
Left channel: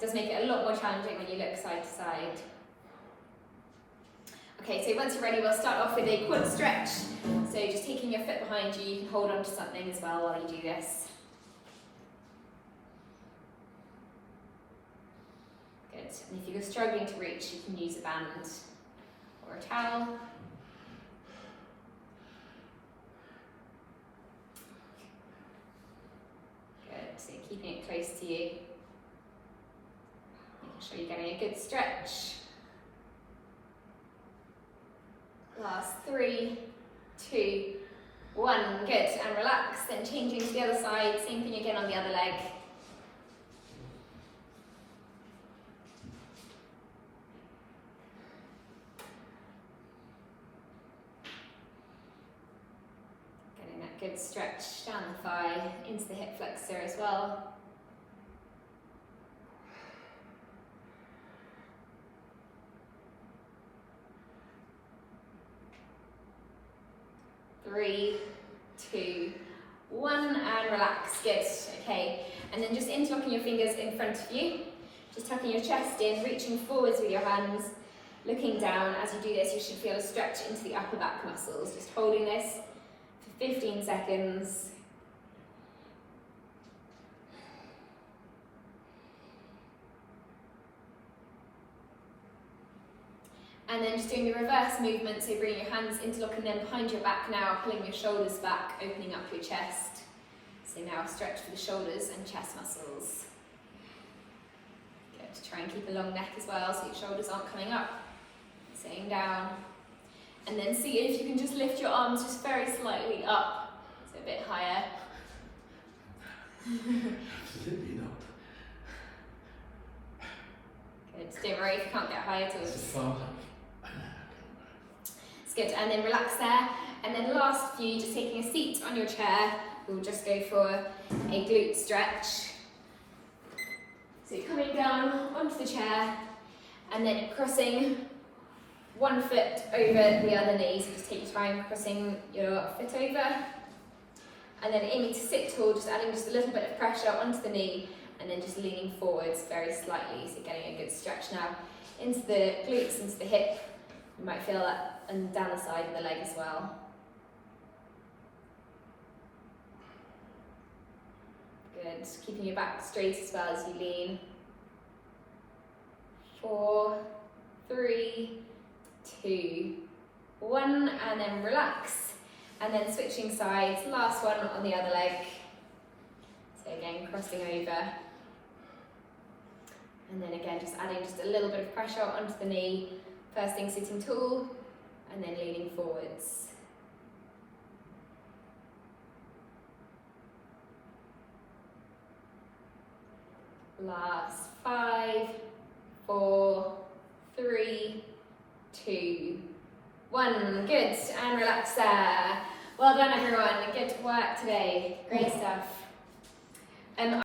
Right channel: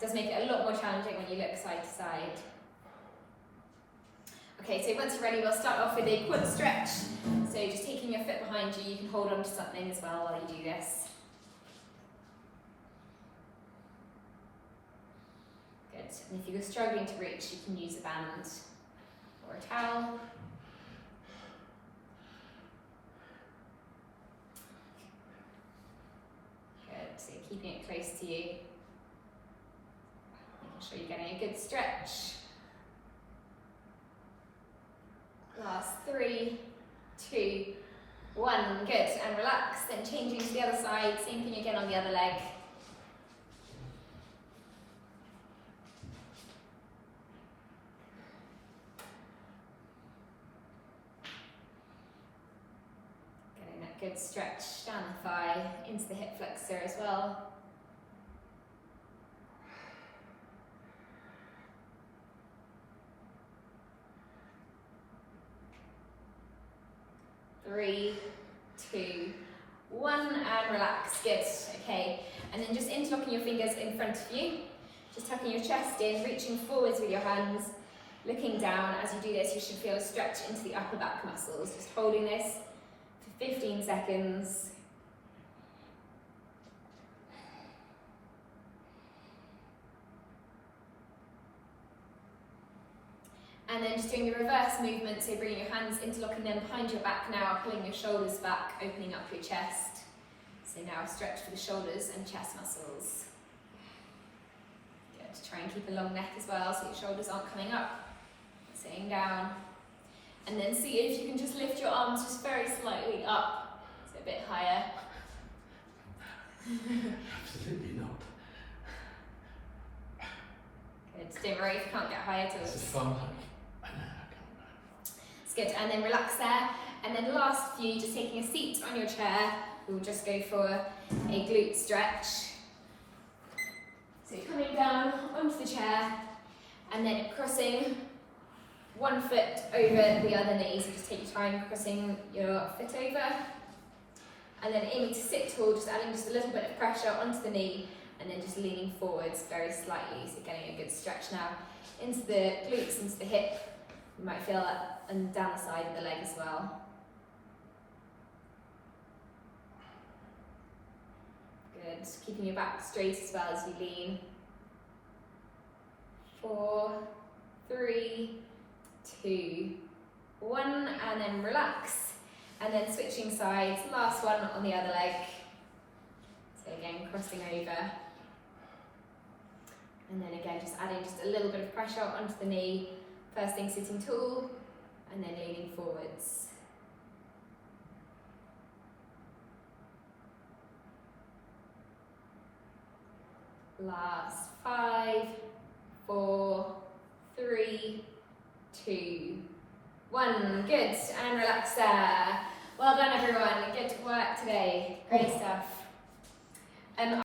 Does make it a lot more challenging when you look side to side. Okay, so once you're ready, we'll start off with a quad stretch. So just taking your foot behind you, you can hold on to something as well while you do this. Good, and if you're struggling to reach, you can use a band or a towel. So keeping it close to you, making sure you're getting a good stretch. Last 3, 2, 1, good, and relax, then changing to the other side, same thing again on the other leg. Good stretch down the thigh, into the hip flexor as well. Three, 2, 1, and relax. Good. Okay, and then just interlocking your fingers in front of you, just tucking your chest in, reaching forwards with your hands, looking down. As you do this, you should feel a stretch into the upper back muscles. Just holding this 15 seconds. And then just doing the reverse movement, so bringing your hands interlocking them behind your back now, pulling your shoulders back, opening up your chest. So now stretch for the shoulders and chest muscles. Good, try and keep a long neck as well, so your shoulders aren't coming up, staying down. And then see if you can just lift your arms just very slightly up, so a bit higher. Absolutely not. Good, don't worry if you can't get higher at all. It's Just fun. It's good, and then relax there. And then last few, just taking a seat on your chair, we'll just go for a glute stretch. So you're coming down onto the chair, and then crossing one foot over the other knee. So just take your time crossing your foot over. And then aiming to sit tall, just adding just a little bit of pressure onto the knee, and then just leaning forwards very slightly. So getting a good stretch now into the glutes, into the hip. You might feel that and down the side of the leg as well. Good, keeping your back straight as well as you lean. 4, 3, 2, 1, and then relax. And then switching sides, last one on the other leg. So again, crossing over. And then again, just adding just a little bit of pressure onto the knee. First thing, sitting tall, and then leaning forwards. Last 5, 4, 3, 2, 1. Good, and relax there. Well done everyone, good work today, great stuff.